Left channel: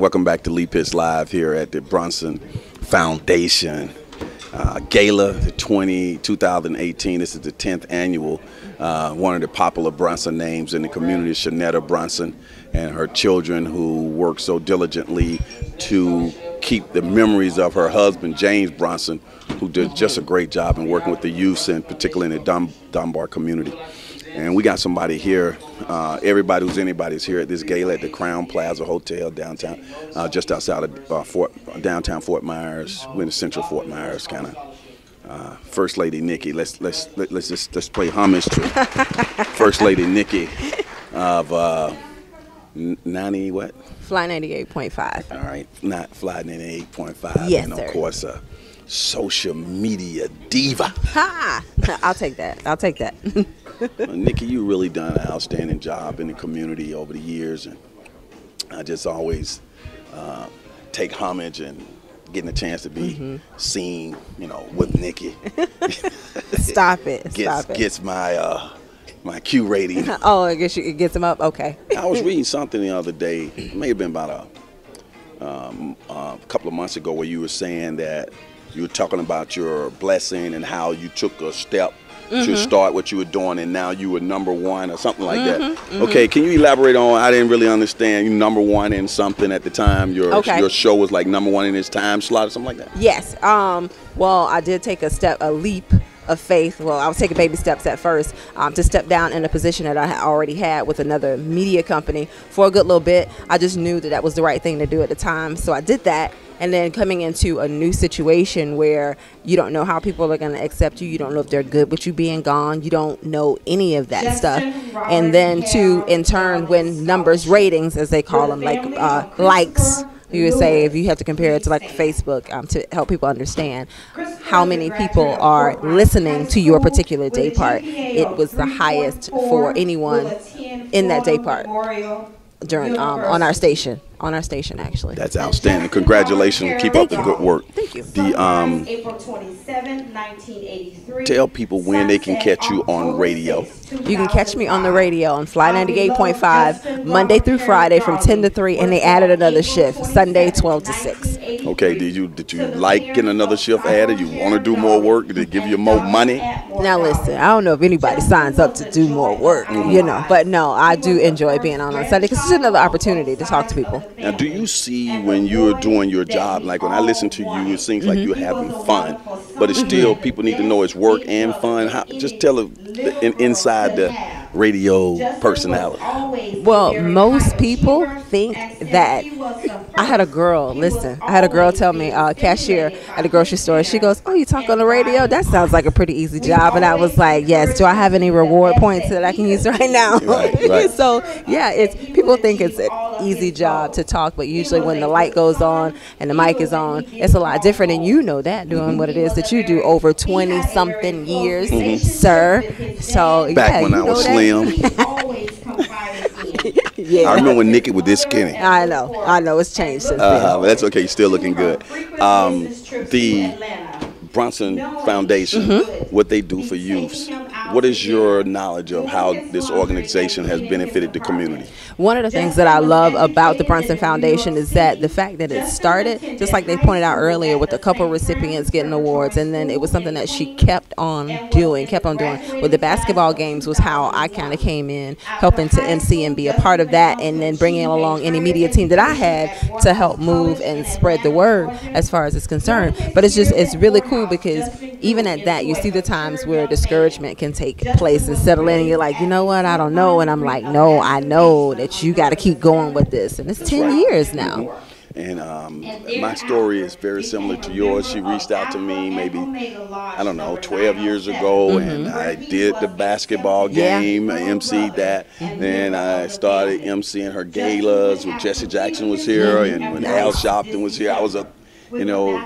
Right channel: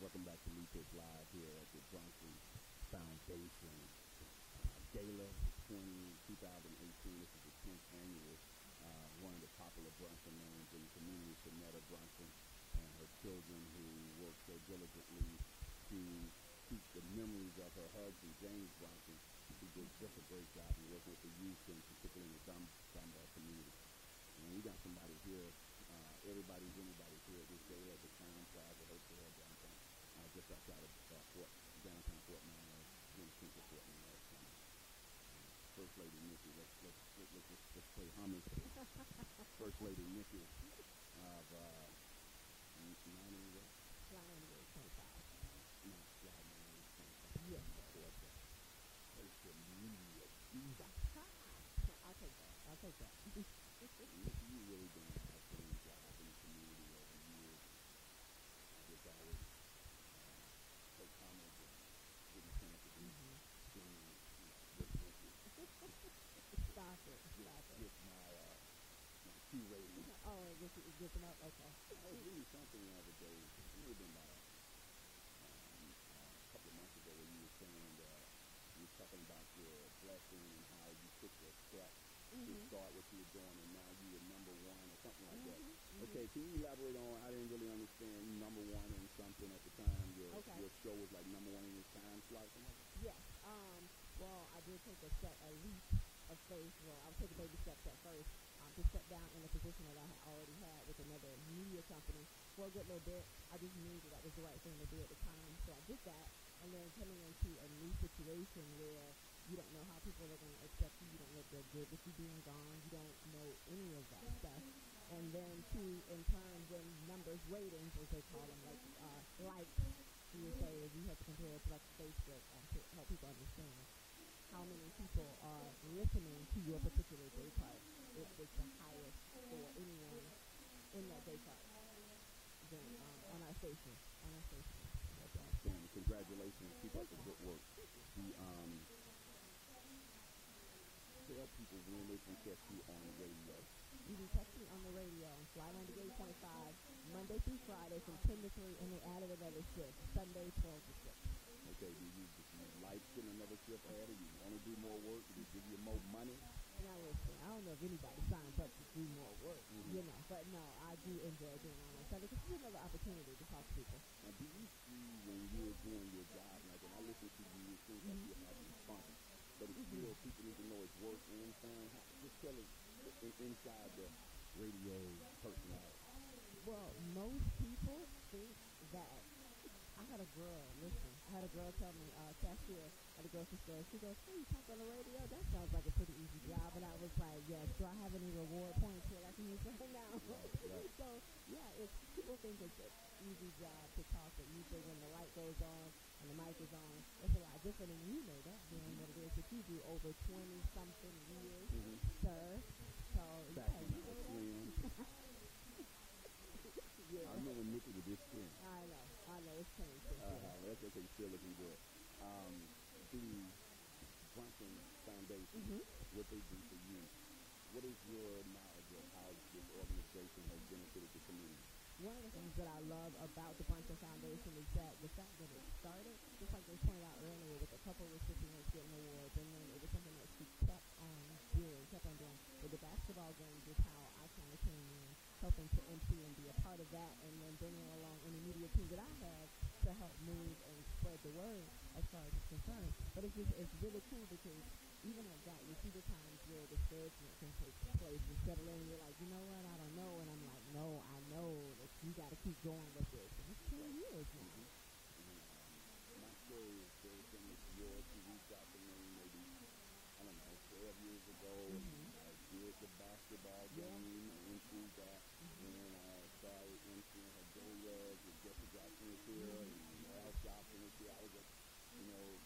Welcome back to Lee Pitts Live here at the Brunson Foundation Gala, the 2018. This is the 10th annual. One of the popular Brunson names in the community is Shanetta Brunson and her children, who work so diligently to keep the memories of her husband, James Brunson, who did just a great job in working with the youth, and particularly in the Dunbar community. And we got somebody here. Everybody who's anybody's here at this gala at the Crown Plaza Hotel downtown, just outside of downtown Fort Myers. We're in the central Fort Myers, kind of. First Lady Niki. Let's play homage to First Lady Niki of 90 what? Fly 98.5. All right, not Fly 98.5. Yes, and sir. Of course, social media diva. Ha! I'll take that. I'll take that. Niki, you really done an outstanding job in the community over the years, and I just always take homage and getting a chance to be seen, with Niki. Stop it. Stop it. Gets my my Q rating. Oh, I guess it gets them up. Okay. I was reading something the other day. It may have been about a couple of months ago, where you were saying that you were talking about your blessing and how you took a step to start what you were doing, and now you were #1 or something like that. Okay, can you elaborate on? I didn't really understand. You #1 in something at the time. Your show was like #1 in its time slot or something like that. Yes. Well, I did take a leap of faith. Well, I was taking baby steps at first to step down in a position that I already had with another media company for a good little bit. I just knew that was the right thing to do at the time, so I did that. And then coming into a new situation where you don't know how people are going to accept you, you don't know if they're good with you being gone, you don't know any of that stuff. And then to, in turn, win numbers, ratings, as they call them, like likes. You would say, if you have to compare it to like Facebook, to help people understand how many people are listening to your particular day part. It was the highest for anyone in that day part during on our station. On our station, actually. That's outstanding. Congratulations. Keep up the good work. Thank you. April 27, 1983. Tell people when they can catch you on radio. You can catch me on the radio on Fly 98.5 Monday through Friday from 10 to 3, and they added another shift Sunday 12 to 6. Okay, did you like getting another shift added? You want to do more work? Did they give you more money? Now listen, I don't know if anybody signs up to do more work, but no, I do enjoy being on Sunday because it's another opportunity to talk to people. Now, do you see when you're doing your job, like when I listen to you, it seems like you're having fun, but it's still, people need to know it's work and fun. Just tell them inside the radio personality. Well, most people think that I had a girl tell me, cashier at a grocery store, she goes, "Oh, you talk on the radio? That sounds like a pretty easy job." And I was like, "Yes, do I have any reward points that I can use right now?" Right. So yeah, people think it's an easy job to talk, but usually when the light goes on and the mic is on, it's a lot different, and you know that doing what it is that you do over 20 something years, sir. So back when I was slim. Yeah. I remember when Niki was this skinny. I know it's changed since then. But that's okay. You're still looking good. The Brunson Foundation, what they do for youths. What is your knowledge of how this organization has benefited the community? One of the things that I love about the Brunson Foundation is that the fact that it started, just like they pointed out earlier, with a couple recipients getting awards, and then it was something that she kept on doing. With the basketball games was how I kind of came in, helping to MC and be a part of that, and then bringing along any media team that I had to help move and spread the word as far as it's concerned. But it's really cool because even at that, you see the times where discouragement can take place and settle in, and you're like, you know what, I don't know. And I'm like, no, I know that you got to keep going with this. And it's 10 years now. And my story is very similar to yours. She reached out to me maybe, 12 years ago, and I did the basketball game. I emceed that. Then I started emceeing her galas when Jesse Jackson was here, and when Al Sharpton was here. I was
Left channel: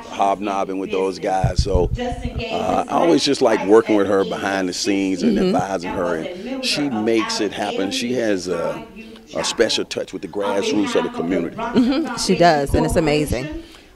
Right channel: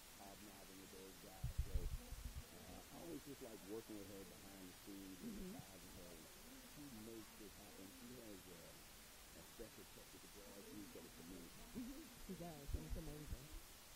hobnobbing with those guys. So I always just like working with her behind the scenes and advising her, and she makes it happen. She has a special touch with the grassroots of the community. She does, and it's amazing.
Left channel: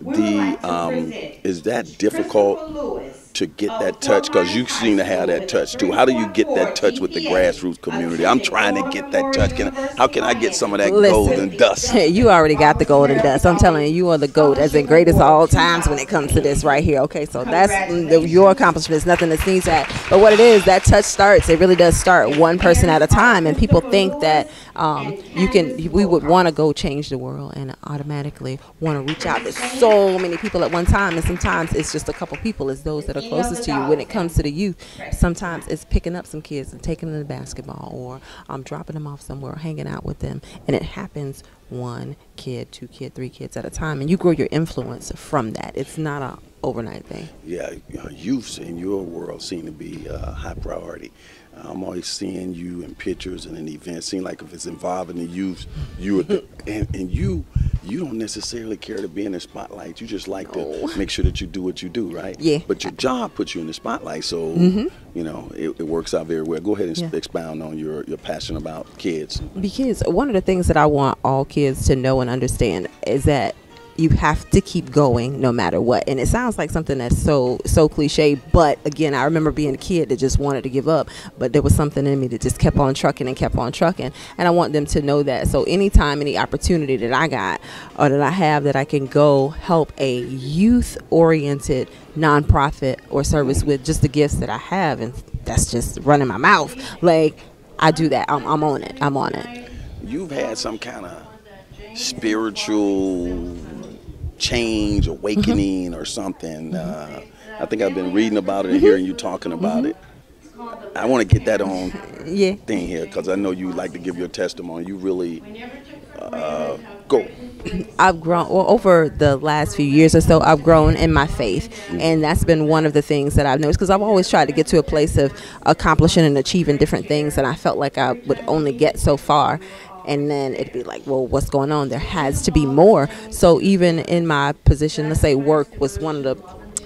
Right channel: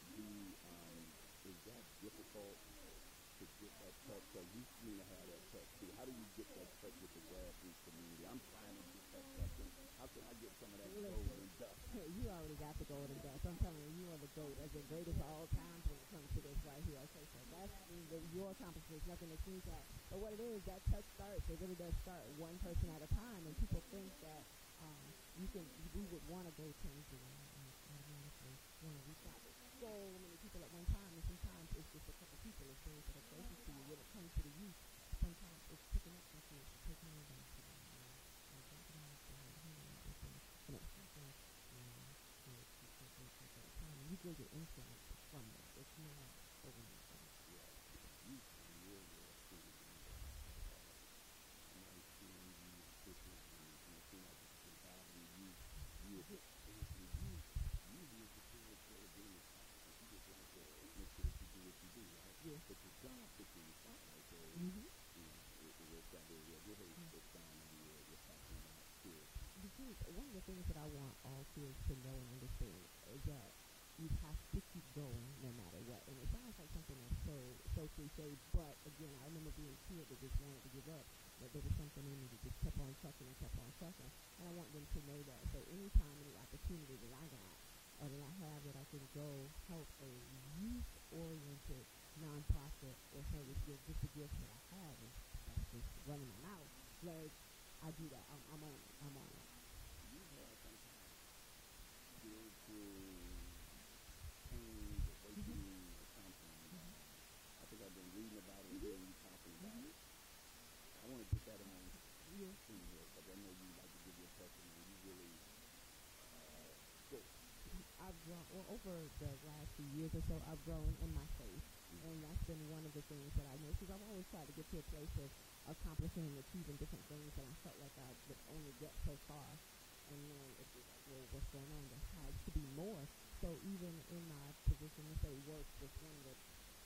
Is that difficult to get that touch? Because you seem to have that touch too. How do you get that touch with the grassroots community? I'm trying to get that touch. How can I get some of that golden dust? You already got the golden dust. I'm telling you, you are the GOAT, as in greatest of all times when it comes to this right here. Okay, so that's your accomplishment. It's nothing to sneeze at. But what it is, that touch starts. It really does start one person at a time. And people think that we would want to go change the world and automatically want to reach out to so many people at one time. And sometimes it's just a couple people. It's those that are closest to you. When it comes to the youth, sometimes it's picking up some kids and taking them to basketball, or dropping them off somewhere, or hanging out with them. And it happens one kid, two kid, three kids at a time, and you grow your influence from that. It's not a overnight thing. Yeah, youths in your world seem to be a high priority. I'm always seeing you in pictures and in events. Seem like if it's involving the youth, you are and you don't necessarily care to be in the spotlight. You just like to make sure that you do what you do, right? Yeah. But your job puts you in the spotlight, so you know it works out very well. Go ahead and expound on your passion about kids. Because one of the things that I want all kids to know and understand is that you have to keep going no matter what. And it sounds like something that's so cliche, but again, I remember being a kid that just wanted to give up, but there was something in me that just kept on trucking and kept on trucking. And I want them to know that. So anytime, any opportunity that I got or that I have that I can go help a youth-oriented nonprofit or service with just the gifts that I have, and that's just running my mouth, like, I do that. I'm on it. I'm on it. You've had some kind of spiritual change, awakening, or something. I think I've been reading about it and hearing you talking about it. I want to get that on thing here, because I know you like to give your testimony. You really go. I've grown, over the last few years or so, I've grown in my faith. And that's been one of the things that I've noticed, because I've always tried to get to a place of accomplishing and achieving different things, and I felt like I would only get so far. And then it'd be like, well, what's going on? There has to be more. So even in my position, let's say work was one of the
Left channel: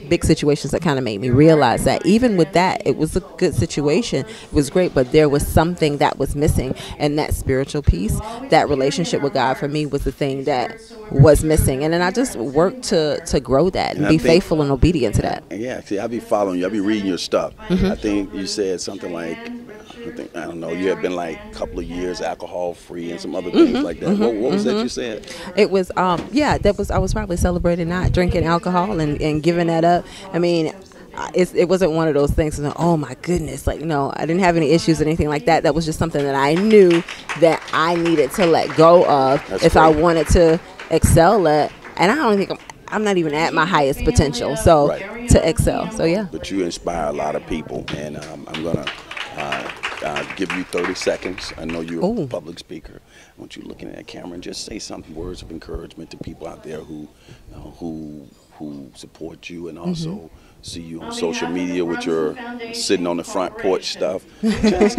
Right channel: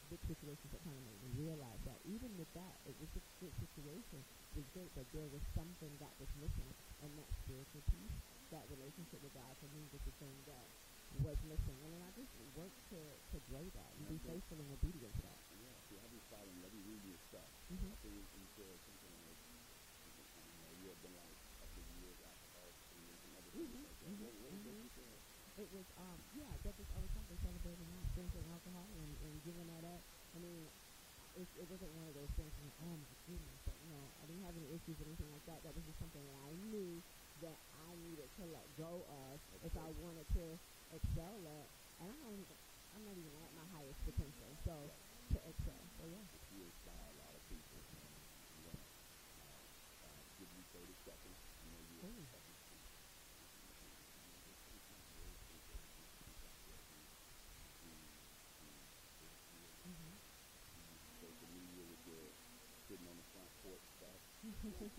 big situations that kind of made me realize that even with that, it was a good situation. It was great, but there was something that was missing. And that spiritual piece, that relationship with God for me was the thing that was missing. And then I just worked to grow that and be faithful and obedient to that. Yeah, see, I'll be following you. I'll be reading your stuff. I think you said something like, I don't know, you had been like a couple of years alcohol free and some other things like that. What was that you said? It was, I was probably celebrating not drinking alcohol and giving that up. I mean, it wasn't one of those things, oh my goodness, like, no, I didn't have any issues or anything like that. That was just something that I knew that I needed to let go of if I wanted to excel at. And I don't think I'm not even at my highest potential, so to excel. So yeah. But you inspire a lot of people, and I'm gonna give you 30 seconds. I know you're a public speaker. I want you looking at that camera and just say some words of encouragement to people out there who support you, and also see you on social media with your sitting on the front porch stuff.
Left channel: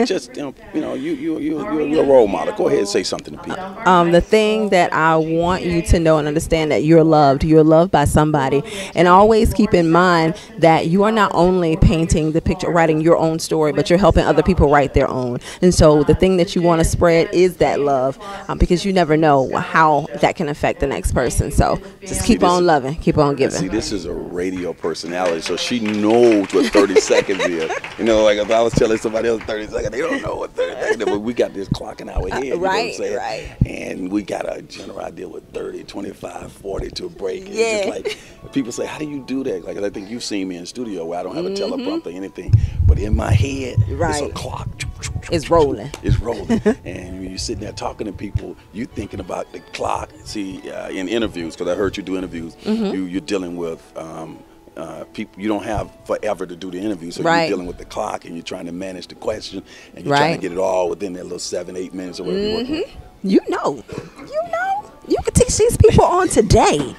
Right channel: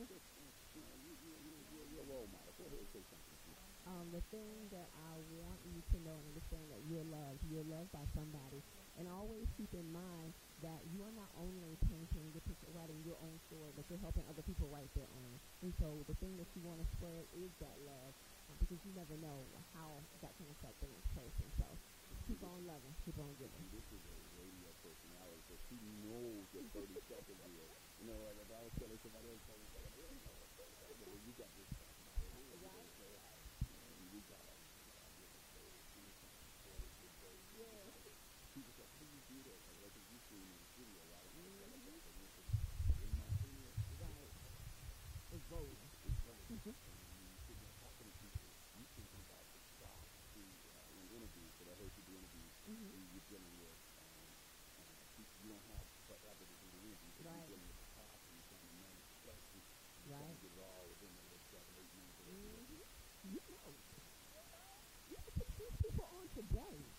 Just you're a role model. Go ahead and say something to people. The thing that I want you to know and understand, that you're loved. You're loved by somebody. And always keep in mind that you are not only painting the picture, writing your own story, but you're helping other people write their own. And so the thing that you want to spread is that love, because you never know how that can affect the next person. So just keep on loving, keep on giving. See, this is a radio personality, so she knows what 30 seconds is. You know, like if I was telling somebody else 30 seconds, they don't know what 30 seconds is, but we got this clock in our head. Right. And we got a general idea with 30, 25, 40 to a break. And it's just like, people say, how do you do that? Like, I think you've seen me in studio where I don't have a teleprompter or anything, but in my head, it's a clock. It's rolling. It's rolling. And when you're sitting there talking to people, you thinking about the clock. See, in interviews, because I heard you do interviews, you're dealing with people. You don't have forever to do the interview, so you're dealing with the clock, and you're trying to manage the question, and you're trying to get it all within that little 7-8 minutes or whatever you're working with. You can teach these people on today.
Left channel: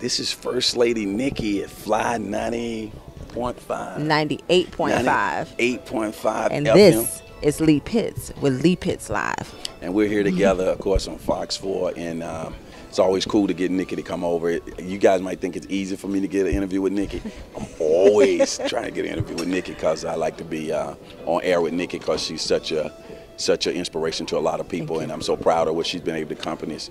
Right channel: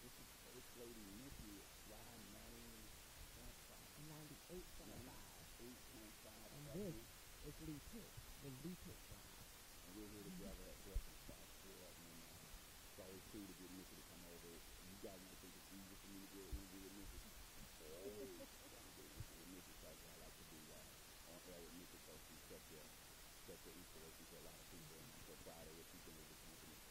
This is First Lady Niki at Fly 90.5. 98.5. 8.5 And FM. this is Lee Pitts with Lee Pitts Live. And we're here together, of course, on Fox 4, and it's always cool to get Niki to come over. You guys might think it's easy for me to get an interview with Niki. I'm always trying to get an interview with Niki, because I like to be on air with Niki, because she's such an inspiration to a lot of people, and I'm so proud of what she's been able to accomplish